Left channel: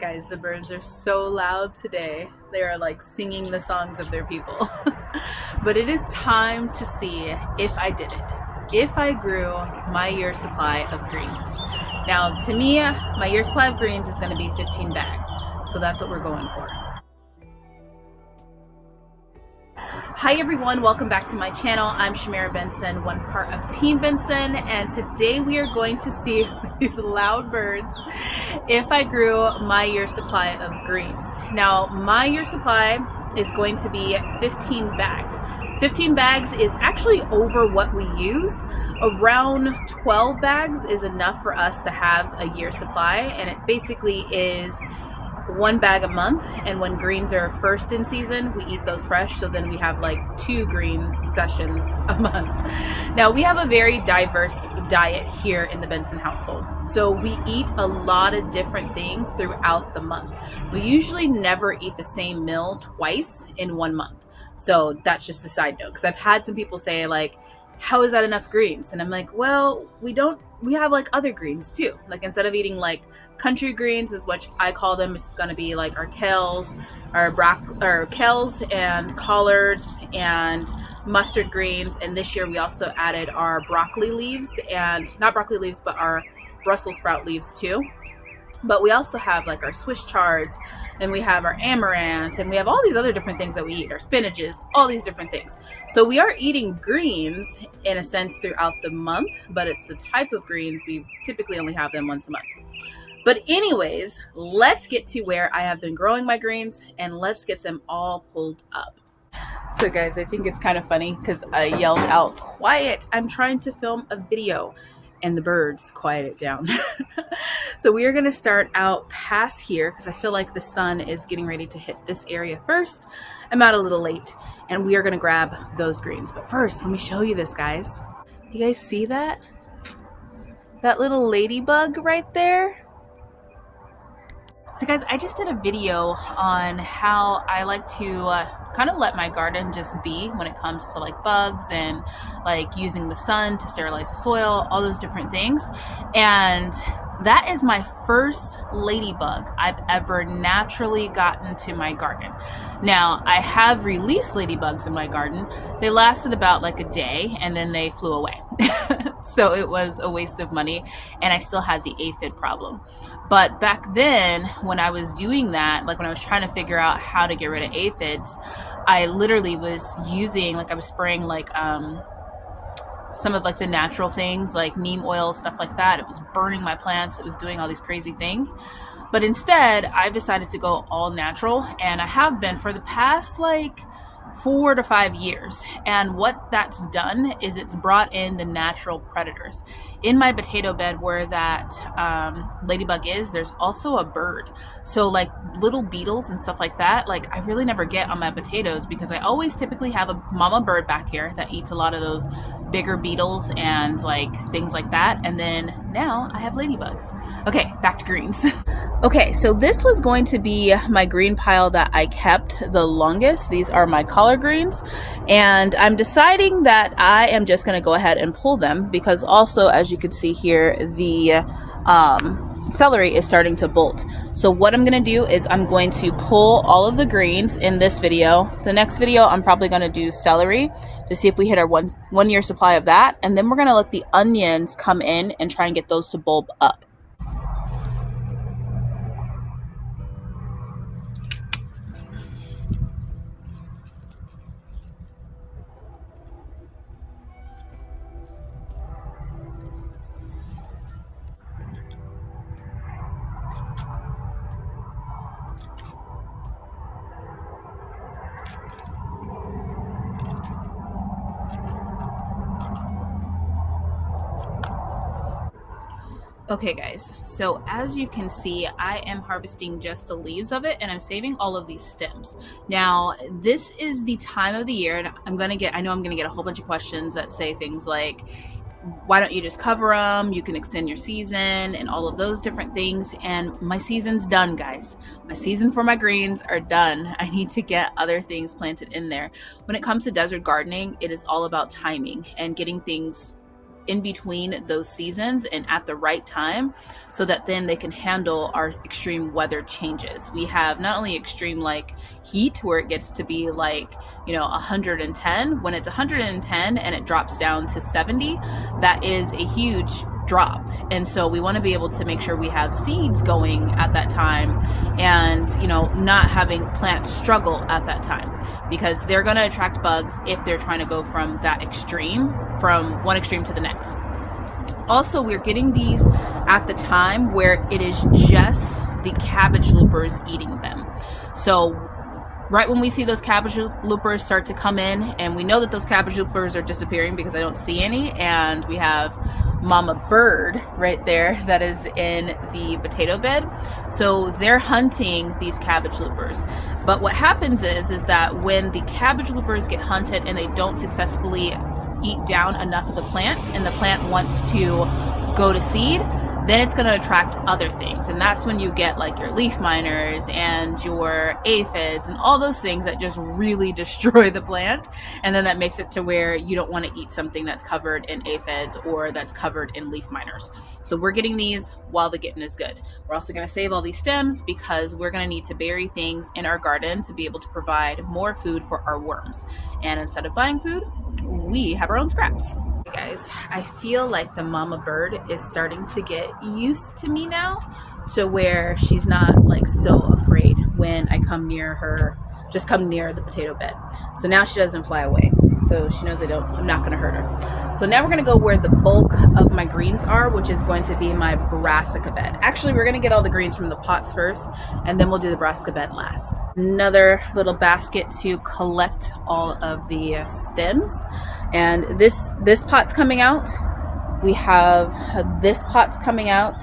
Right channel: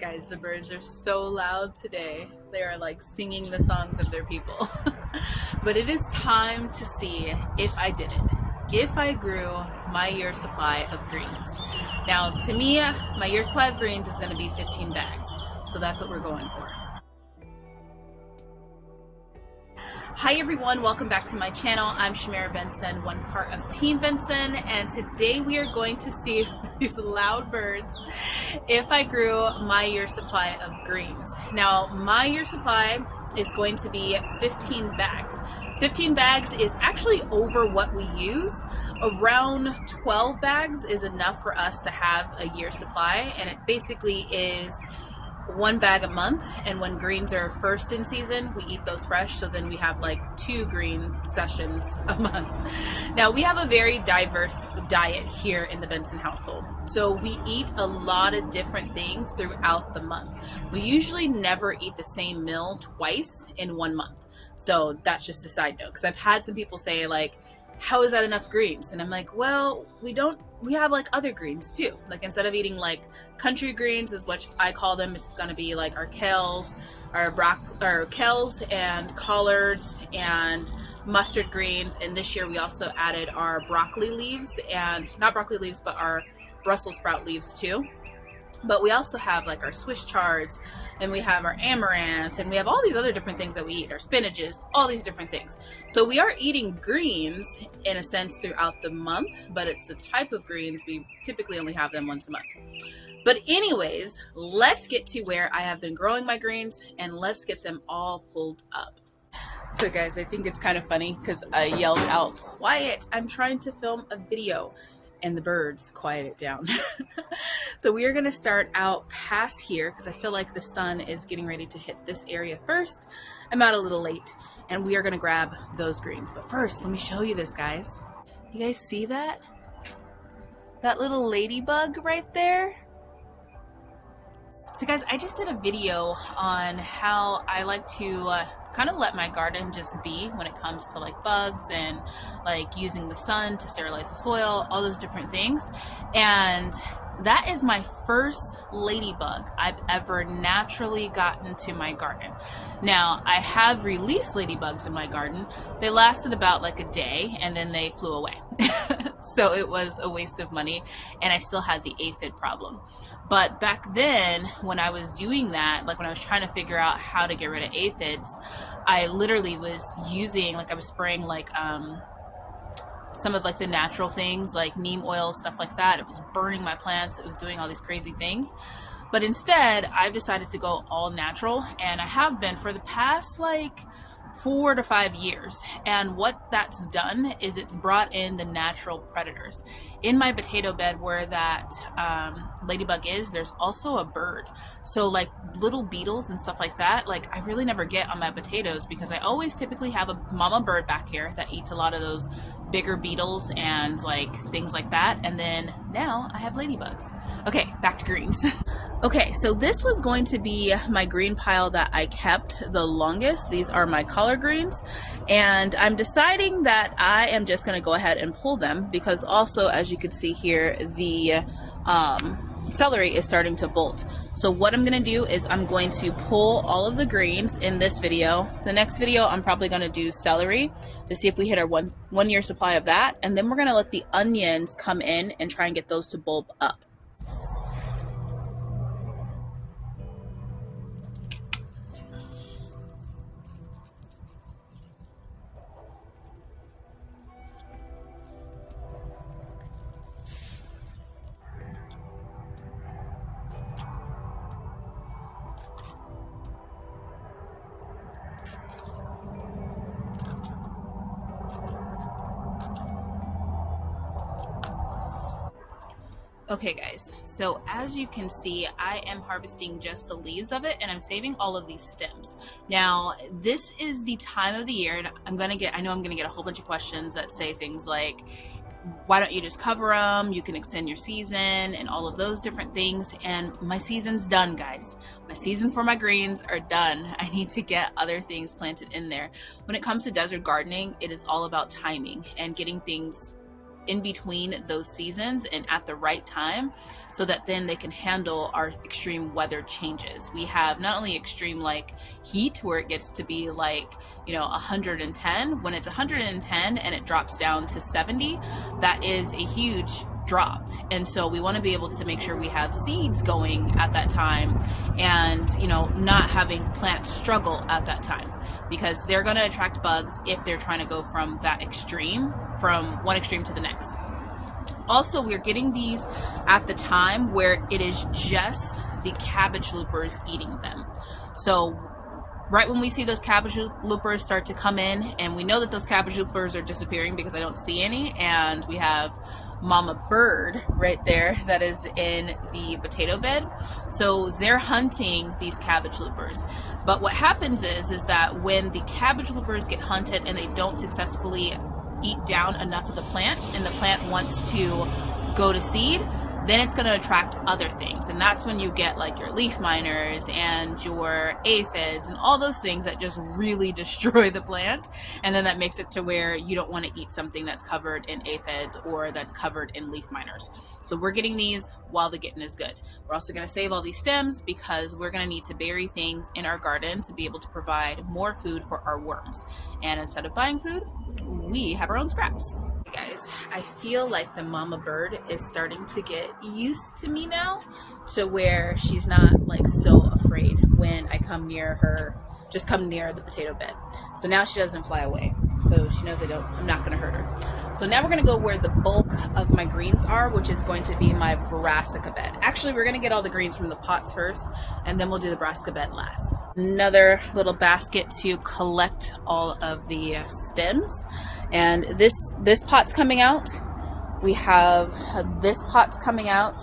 Guys, the birds are so loud today. They are like singing the songs of their people. But it is time to see if I did it. If I grew my year supply of greens. Now, to me, my year supply of greens is going to be 15 bags. So that's what we're going for. Hi everyone, welcome back to my channel. I'm Shamira Benson, one part of Team Benson, and today we are going to see these loud birds if I grew my year supply of greens. Now, my year supply is going to be 15 bags. 15 bags is actually over what we use. Around 12 bags is enough for us to have a year supply, and it basically is one bag a month, and when greens are first in season, we eat those fresh, so then we have like 2 green sessions a month. Now, we have a very diverse diet here in the Benson household, so we eat a lot of different things throughout the month. We usually never eat the same meal twice in 1 month, so that's just a side note, because I've had some people say like, how is that enough greens? And I'm like, well, we have like other greens too. Like, instead of eating like country greens, is what I call them, it's gonna be like our kales, our kales and collards and mustard greens. And this year we also added our broccoli leaves, and not broccoli leaves, but our Brussels sprout leaves too. But we also have like our Swiss chards, and we have our amaranth, and we have all these other different things that we eat, our spinaches, all these different things. So we are eating greens in a sense throughout the month, but it's the type of greens, we typically only have them once a month. But anyways, let's get to where I have been growing my greens, and let's get them all pulled up. So guys, I think it's kind of funny because I yelled out, quiet, I'm trying to film a video, and the birds quiet it down. So we are gonna start out past here because I feel like the sun is getting ready to hit this area first. I'm out a little late, and we are gonna grab those greens. But first, let me show you this, guys. You guys see that? That little ladybug right there? So guys, I just did a video on how I like to kind of let my garden just be when it comes to like bugs and like using the sun to sterilize the soil, all those different things. And that is my first ladybug I've ever naturally gotten to my garden. Now, I have released ladybugs in my garden. They lasted about like a day, and then they flew away. So it was a waste of money, and I still had the aphid problem. But back then, when I was doing that, like when I was trying to figure out how to get rid of aphids, I literally was using, like I was spraying like some of like the natural things like neem oil, stuff like that. It was burning my plants. It was doing all these crazy things. But instead, I've decided to go all natural, and I have been for the past like 4 to 5 years. And what that's done is it's brought in the natural predators. In my potato bed where that ladybug is, there's also a bird. So like little beetles and stuff like that, like I really never get on my potatoes because I always typically have a mama bird back here that eats a lot of those bigger beetles and like things like that. And then now I have ladybugs. Okay, back to greens. Okay, so this was going to be my green pile that I kept the longest. These are my collard greens, and I'm deciding that I am just going to go ahead and pull them because also, as you can see here, the celery is starting to bolt. So what I'm going to do is I'm going to pull all of the greens in this video. The next video I'm probably going to do celery to see if we hit our one year supply of that, and then we're going to let the onions come in and try and get those to bulb up. Okay guys, so as you can see, I am harvesting just the leaves of it, and I'm saving all of these stems. Now, this is the time of the year, and I know I'm gonna get a whole bunch of questions that say things like, why don't you just cover them? You can extend your season and all of those different things. And my season's done, guys. My season for my greens are done. I need to get other things planted in there. When it comes to desert gardening, it is all about timing and getting things in between those seasons and at the right time, so that then they can handle our extreme weather changes. We have not only extreme like heat where it gets to be like, you know, 110. When it's 110 and it drops down to 70, that is a huge drop. And so we want to be able to make sure we have seeds going at that time, and, you know, not having plants struggle at that time, because they're going to attract bugs if they're trying to go from that extreme, from one extreme to the next. Also, we're getting these at the time where it is just the cabbage loopers eating them. So right when we see those cabbage loopers start to come in, and we know that those cabbage loopers are disappearing because I don't see any, and we have mama bird right there that is in the potato bed. So they're hunting these cabbage loopers. But what happens is that when the cabbage loopers get hunted and they don't successfully eat down enough of the plant, and the plant wants to go to seed, then it's going to attract other things. And that's when you get like your leaf miners and your aphids and all those things that just really destroy the plant. And then that makes it to where you don't want to eat something that's covered in aphids or that's covered in leaf miners. So we're getting these while the getting is good. We're also going to save all these stems because we're going to need to bury things in our garden to be able to provide more food for our worms. And instead of buying food, we have our own scraps. Guys, I feel like the mama bird is starting to get used to me now, to where she's not like so afraid when I come near her, just come near the potato bed. So now she doesn't fly away, so she knows I'm not going to hurt her. So now we're going to go where the bulk of my greens are, which is going to be my brassica bed. Actually, we're going to get all the greens from the pots first, and then we'll do the brassica bed last. Another little basket to collect all of the stems. And this pot's coming out. We have this pot's coming out,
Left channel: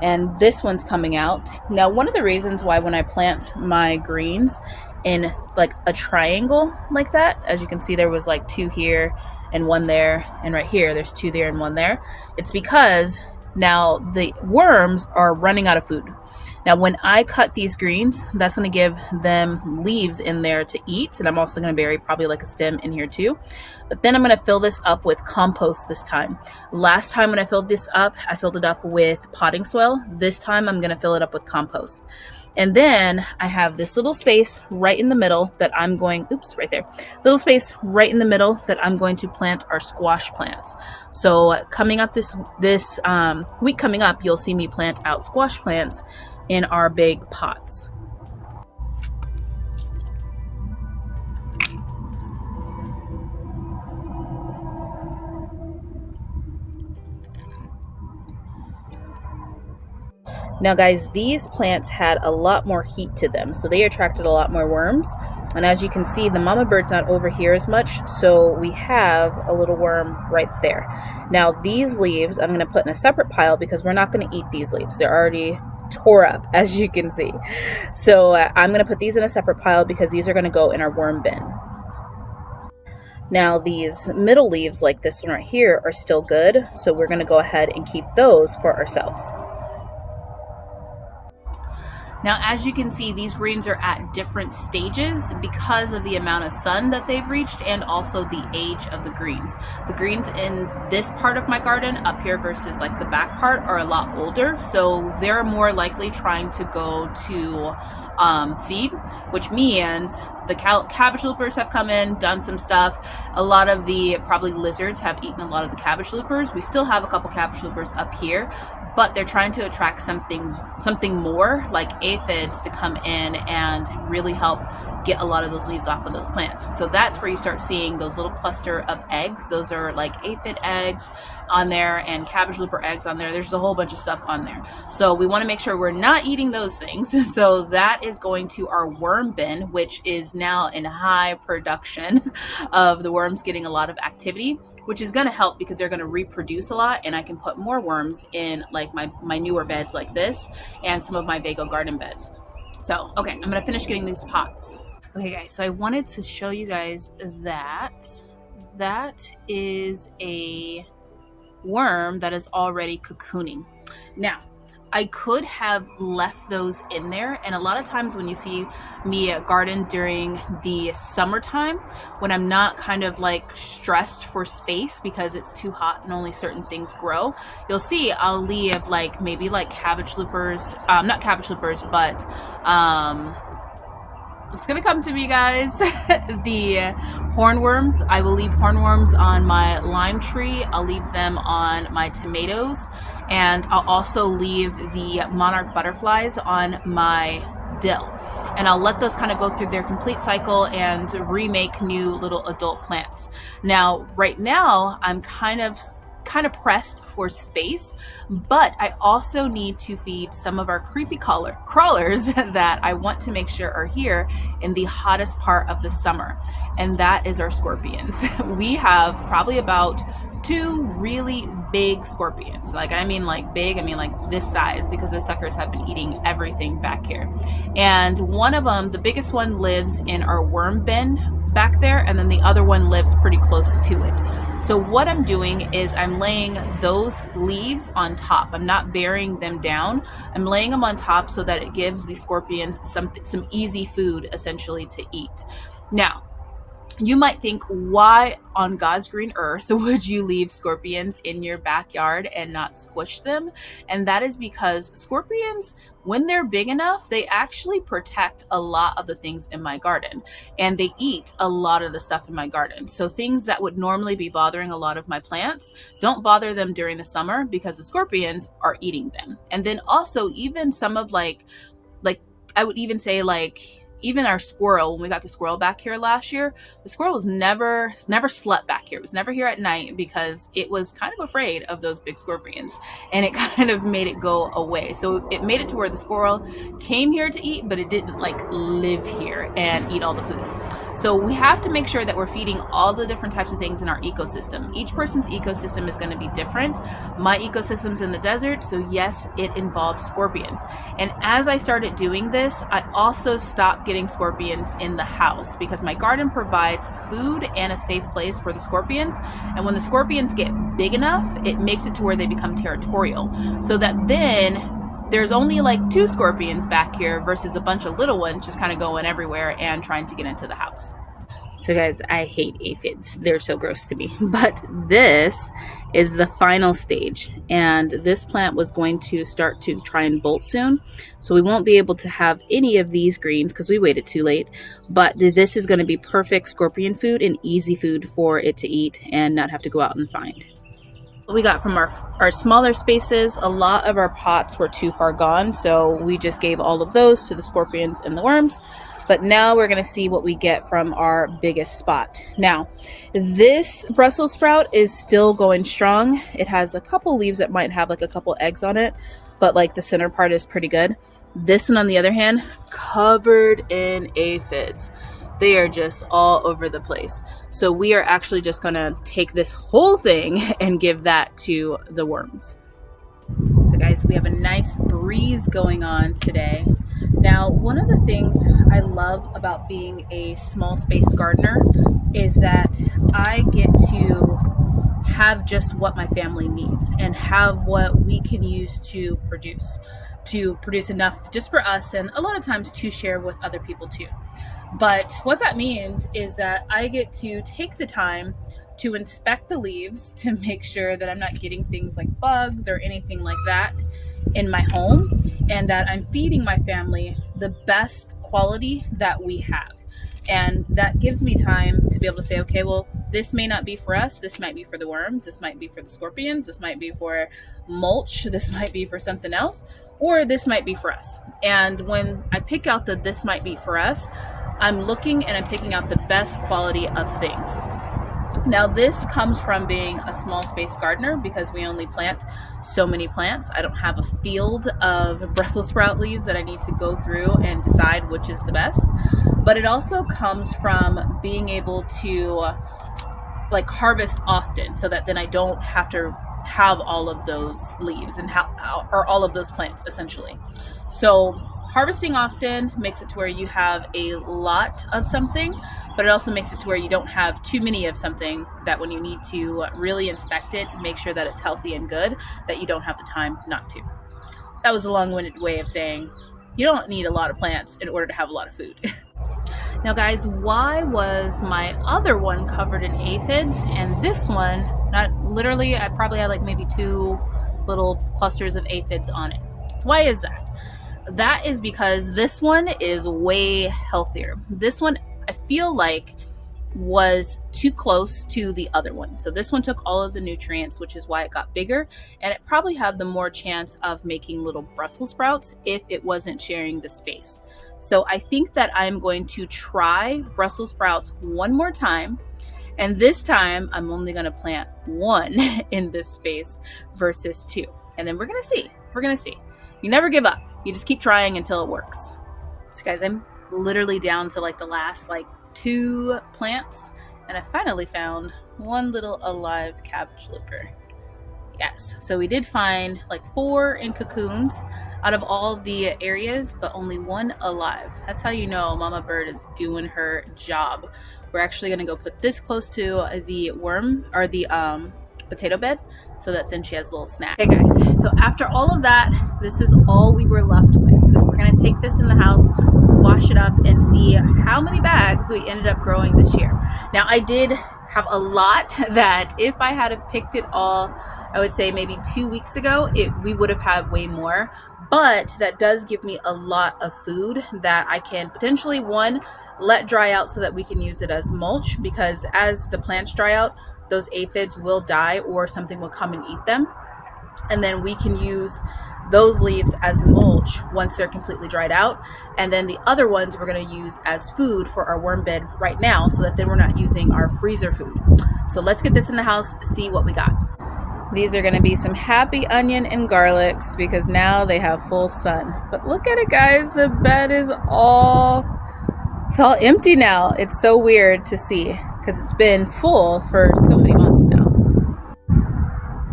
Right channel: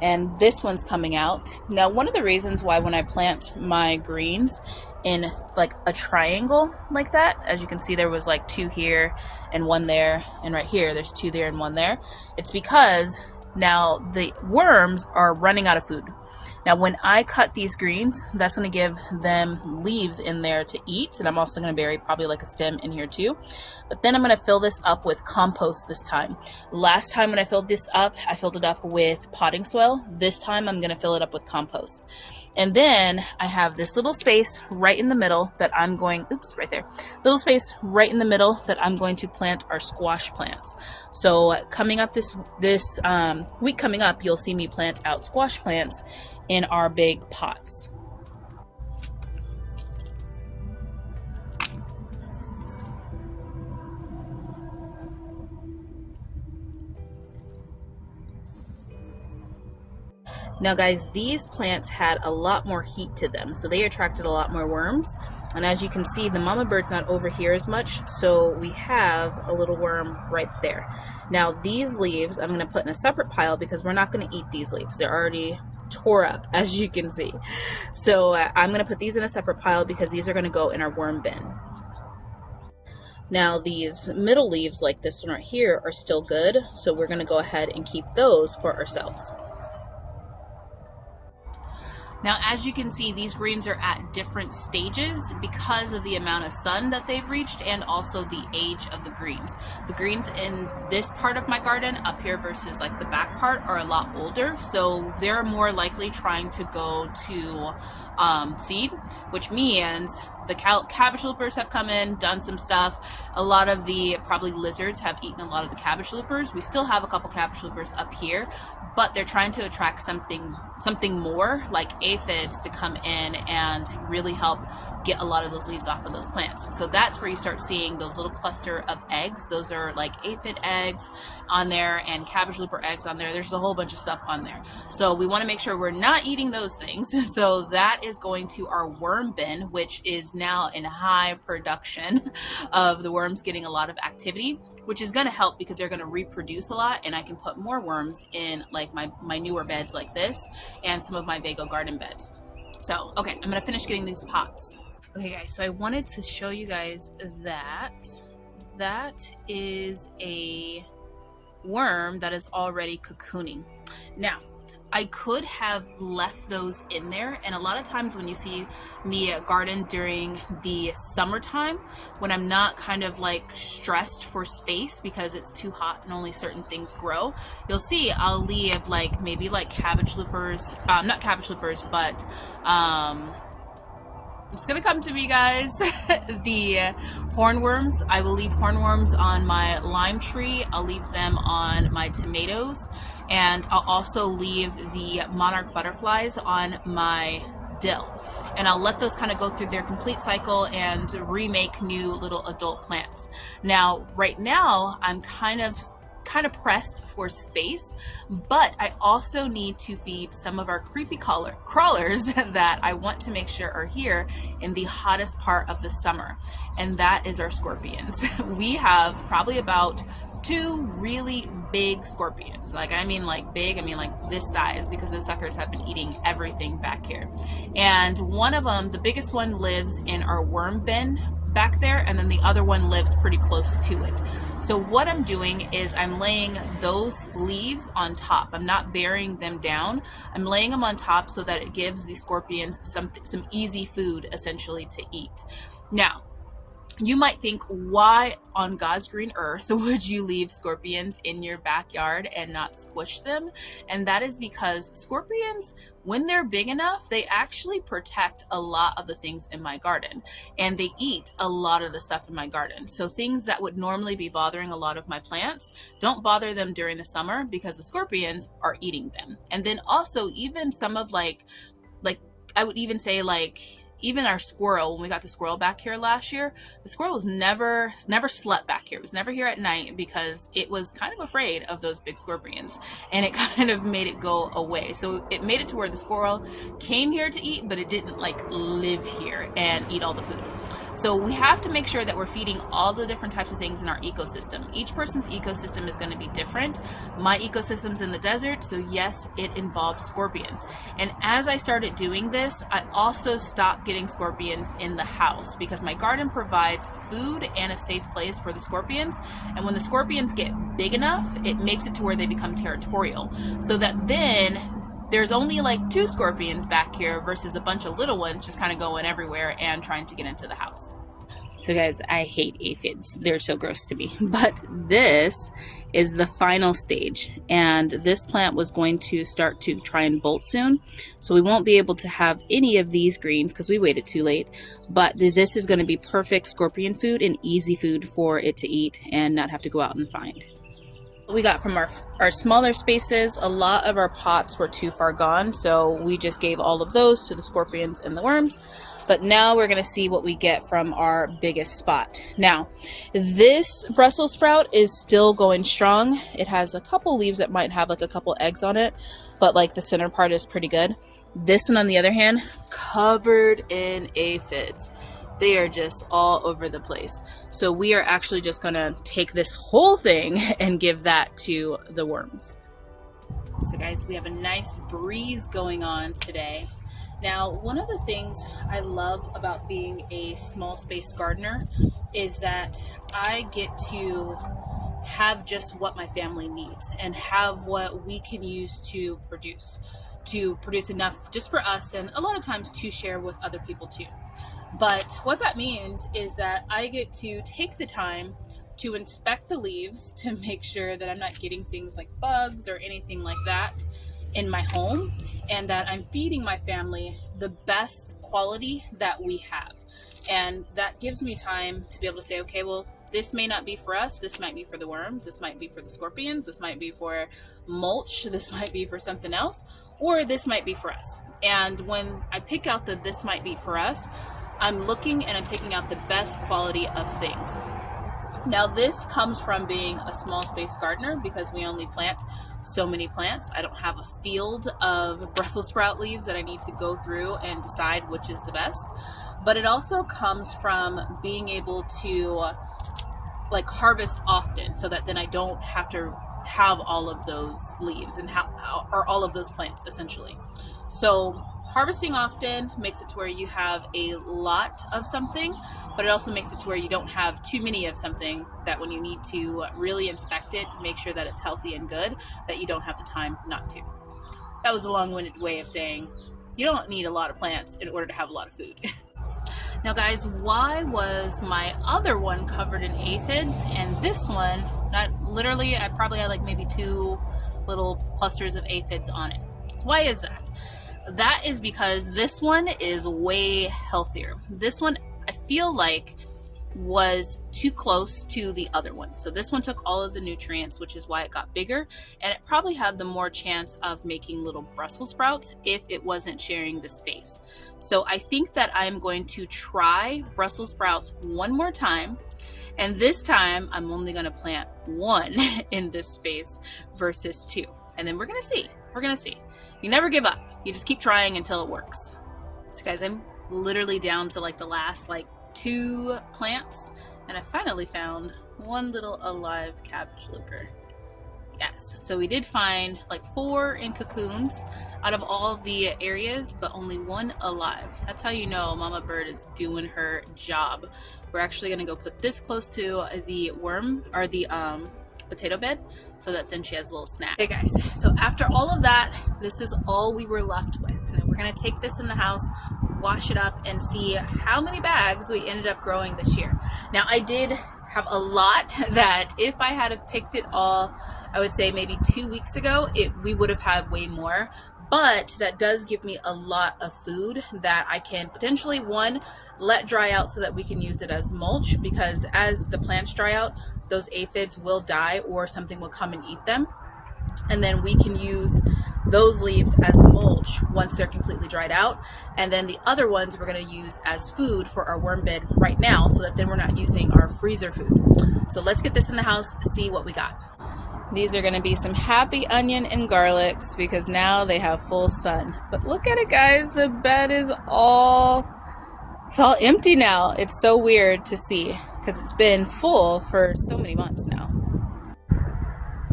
and this one's coming out. Now, one of the reasons why when I plant my greens in like a triangle like that, as you can see, there was like 2 here and 1 there, and right here there's 2 there and 1 there. It's because now the worms are running out of food. Now, when I cut these greens, that's going to give them leaves in there to eat. And I'm also going to bury probably like a stem in here too. But then I'm going to fill this up with compost this time. Last time when I filled this up, I filled it up with potting soil. This time I'm going to fill it up with compost. And then I have this little space right in the middle that I'm going, right there. Little space right in the middle that I'm going to plant our squash plants. So coming up this week coming up, you'll see me plant out squash plants in our big pots. Now guys, these plants had a lot more heat to them, so they attracted a lot more worms. And as you can see, the mama bird's not over here as much, so we have a little worm right there. Now these leaves I'm going to put in a separate pile because we're not going to eat these leaves. They're already tore up, as you can see. So I'm going to put these in a separate pile because these are going to go in our worm bin. Now these middle leaves like this one right here are still good, so we're going to go ahead and keep those for ourselves. Now, as you can see, these greens are at different stages because of the amount of sun that they've reached and also the age of the greens. The greens in this part of my garden up here versus like the back part are a lot older, so they're more likely trying to go to seed, which means the cabbage loopers have come in, done some stuff. A lot of the probably lizards have eaten a lot of the cabbage loopers. We still have a couple cabbage loopers up here, but they're trying to attract something more like aphids to come in and really help get a lot of those leaves off of those plants. So that's where you start seeing those little cluster of eggs. Those are like aphid eggs on there and cabbage looper eggs on there. There's a whole bunch of stuff on there. So we want to make sure we're not eating those things. So that is going to our worm bin, which is now in high production of the worms getting a lot of activity, which is going to help because they're going to reproduce a lot, and I can put more worms in like my newer beds like this and some of my Vego garden beds. So, okay, I'm going to finish getting these pots. Okay guys, so I wanted to show you guys that is a worm that is already cocooning. Now, I could have left those in there, and a lot of times when you see me garden during the summertime, when I'm not kind of like stressed for space because it's too hot and only certain things grow, you'll see I'll leave like maybe like cabbage loopers, not cabbage loopers, but it's gonna come to me, guys. The hornworms, I will leave hornworms on my lime tree. I'll leave them on my tomatoes, and I'll also leave the monarch butterflies on my dill. And I'll let those kind of go through their complete cycle and remake new little adult plants. Now, right now, I'm kind of pressed for space, but I also need to feed some of our creepy crawlers that I want to make sure are here in the hottest part of the summer, and that is our scorpions. We have probably about 2 really big scorpions. Like, I mean like big, I mean like this size, because those suckers have been eating everything back here. And one of them, the biggest one, lives in our worm bin back there, and then the other one lives pretty close to it. So what I'm doing is I'm laying those leaves on top. I'm not burying them down. I'm laying them on top so that it gives the scorpions some easy food essentially to eat. Now, you might think, why on God's green earth would you leave scorpions in your backyard and not squish them? And that is because scorpions, when they're big enough, they actually protect a lot of the things in my garden, and they eat a lot of the stuff in my garden. So things that would normally be bothering a lot of my plants don't bother them during the summer because the scorpions are eating them. And then also even some of like I would even say like even our squirrel, when we got the squirrel back here last year, the squirrel was never slept back here. It was never here at night because it was kind of afraid of those big scorpions, and it kind of made it go away. So it made it to where the squirrel came here to eat, but it didn't like live here and eat all the food. So we have to make sure that we're feeding all the different types of things in our ecosystem. Each person's ecosystem is going to be different. My ecosystem's in the desert, so yes, it involves scorpions. And as I started doing this, I also stopped getting scorpions in the house because my garden provides food and a safe place for the scorpions. And when the scorpions get big enough, it makes it to where they become territorial. So that then there's only like 2 scorpions back here versus a bunch of little ones just kind of going everywhere and trying to get into the house. So guys, I hate aphids. They're so gross to me. But this is the final stage. And this plant was going to start to try and bolt soon. So we won't be able to have any of these greens because we waited too late. But this is going to be perfect scorpion food and easy food for it to eat and not have to go out and find. We got from our smaller spaces, a lot of our pots were too far gone, so we just gave all of those to the scorpions and the worms. But now we're going to see what we get from our biggest spot. Now, this Brussels sprout is still going strong. It has a couple leaves that might have like a couple eggs on it, but like the center part is pretty good. This one, on the other hand, covered in aphids. They are just all over the place. So we are actually just gonna take this whole thing and give that to the worms. So guys, we have a nice breeze going on today. Now, one of the things I love about being a small space gardener is that I get to have just what my family needs and have what we can use to produce enough just for us, and a lot of times to share with other people too. But what that means is that I get to take the time to inspect the leaves to make sure that I'm not getting things like bugs or anything like that in my home, and that I'm feeding my family the best quality that we have. And that gives me time to be able to say, okay, well, this may not be for us. This might be for the worms. This might be for the scorpions. This might be for mulch. This might be for something else, or this might be for us. And when I pick out the this might be for us, I'm looking and I'm picking out the best quality of things. Now, this comes from being a small space gardener because we only plant so many plants. I don't have a field of Brussels sprout leaves that I need to go through and decide which is the best. But it also comes from being able to like harvest often so that then I don't have to have all of those leaves and or all of those plants essentially. So harvesting often makes it to where you have a lot of something, but it also makes it to where you don't have too many of something that when you need to really inspect it, make sure that it's healthy and good, that you don't have the time not to. that was a long-winded way of saying you don't need a lot of plants in order to have a lot of food. Now guys, why was my other one covered in aphids and this one, not literally, I probably had like maybe 2 little clusters of aphids on it. So why is that? That is because this one is way healthier. This one, I feel like, was too close to the other one. So this one took all of the nutrients, which is why it got bigger, and it probably had the more chance of making little Brussels sprouts if it wasn't sharing the space. So I think that I'm going to try Brussels sprouts one more time, and this time I'm only going to plant 1 in this space versus 2, and then we're gonna see. You never give up, you just keep trying until it works. So guys, I'm literally down to like the last 2 plants, and I finally found 1 little alive cabbage looper. Yes, so we did find 4 in cocoons out of all the areas, but only 1 alive. That's how you know Mama Bird is doing her job. We're actually gonna go put this close to the worm or the potato bed so that then she has a little snack. Hey guys, so after all of that, this is all we were left with. We're gonna take this in the house, wash it up, and see how many bags we ended up growing this year. Now I did have a lot that if I had picked it all, I would say maybe 2 weeks ago, we would have had way more. But that does give me a lot of food that I can potentially, 1, let dry out so that we can use it as mulch, because as the plants dry out, those aphids will die or something will come and eat them. And then we can use those leaves as mulch once they're completely dried out. And then the other ones we're going to use as food for our worm bed right now, so that then we're not using our freezer food. So let's get this in the house, see what we got. These are going to be some happy onion and garlics because now they have full sun. But look at it guys, the bed is all empty now. It's so weird to see because it's been full for so many months now.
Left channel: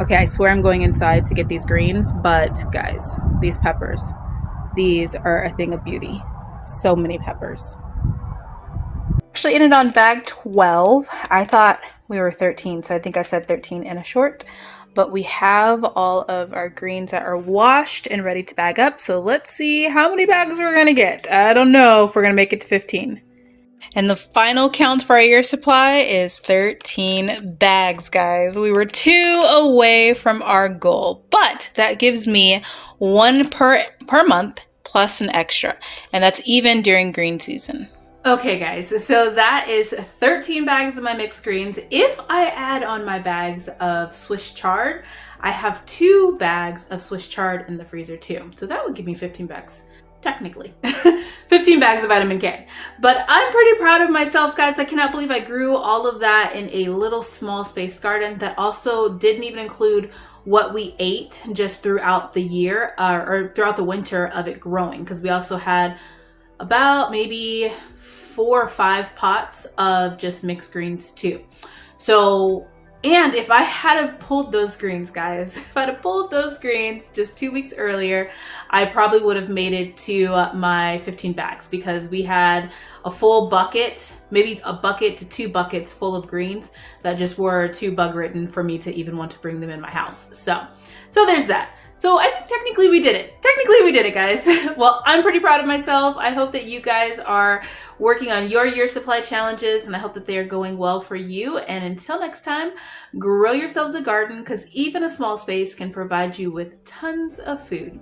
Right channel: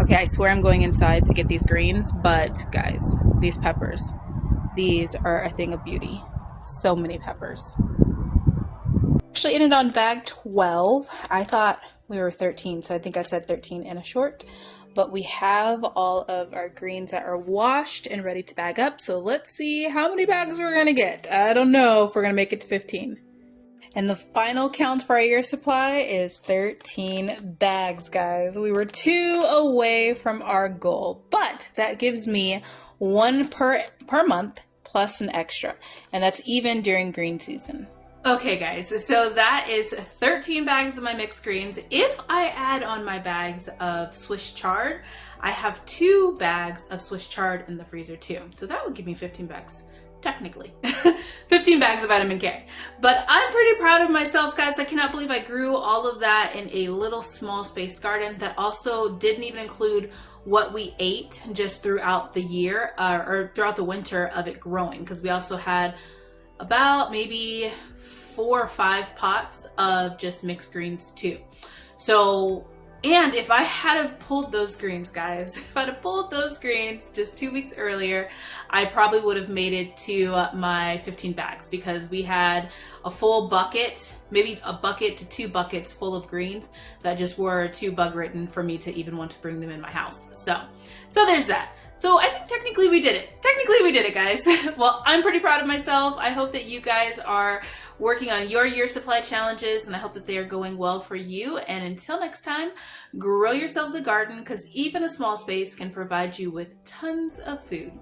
Okay, I swear I'm going inside to get these greens, but guys, these peppers, these are a thing of beauty. So many peppers. Actually ended on bag 12. I thought we were 13, so I think I said 13 in a short. But we have all of our greens that are washed and ready to bag up. So let's see how many bags we're gonna get. I don't know if we're gonna make it to 15. And the final count for our year supply is 13 bags, guys. We were 2 away from our goal, but that gives me 1 per month plus an extra. And that's even during green season. Okay guys, so that is 13 bags of my mixed greens. If I add on my bags of Swiss chard, I have 2 bags of Swiss chard in the freezer too. So that would give me 15 bags, technically. 15 bags of vitamin K. But I'm pretty proud of myself, guys. I cannot believe I grew all of that in a little small space garden that also didn't even include what we ate just throughout the year or throughout the winter of it growing, because we also had about maybe 4 or 5 pots of just mixed greens too. So, and if I had have pulled those greens, guys, if I'd have pulled those greens just 2 weeks earlier, I probably would have made it to my 15 bags, because we had a full bucket, maybe a bucket to 2 buckets full of greens that just were too bug ridden for me to even want to bring them in my house. So there's that. So I think technically we did it. Technically we did it, guys. Well, I'm pretty proud of myself. I hope that you guys are working on your year supply challenges, and I hope that they are going well for you. And until next time, grow yourselves a garden, because even a small space can provide you with tons of food.